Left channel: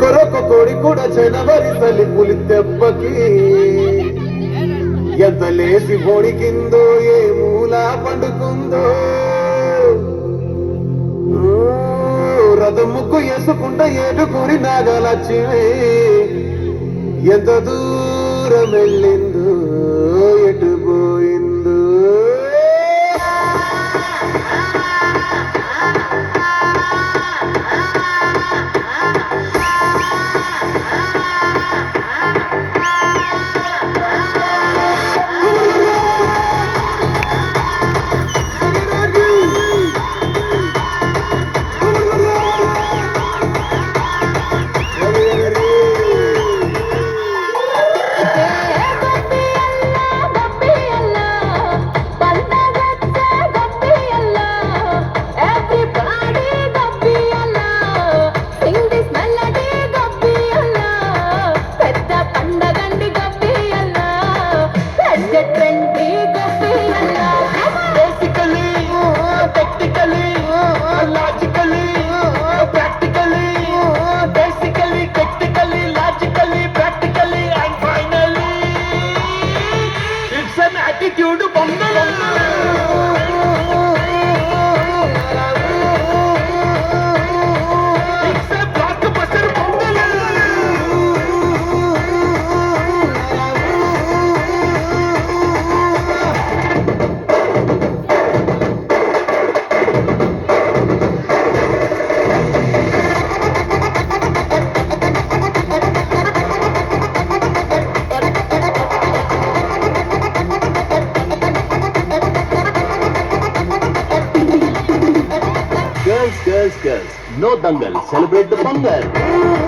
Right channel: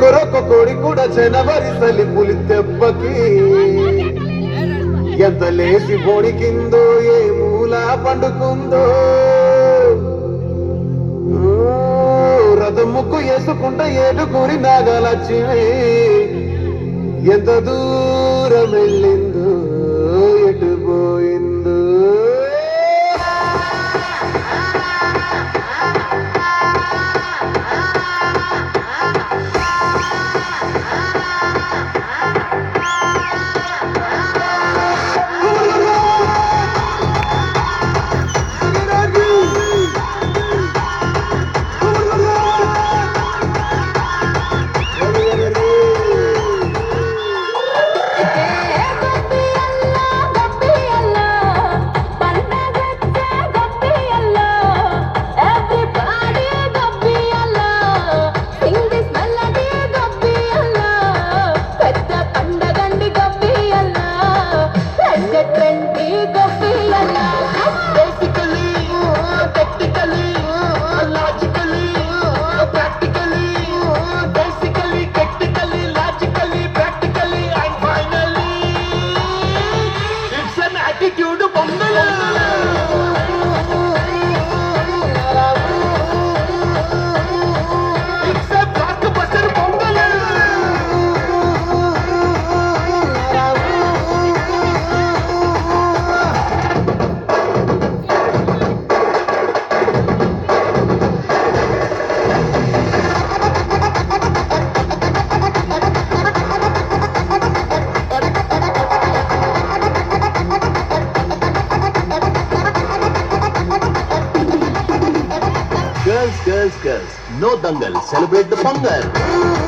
కొరొక కోడి కూడా జనవరి సలి పులి దెబ్బకి ఎంత లేసి బోడికిందో ఏ మూల పండుకుందో రథం ముక్కు వేసుకుంట ఏడుగురి నాగలక్ష్మి ఎంత దూరం వెళ్ళిందో ఎటు పోయిందో attitude pongal it's a blockbuster pongal Girls, no dangal. Celebrate the Pongal.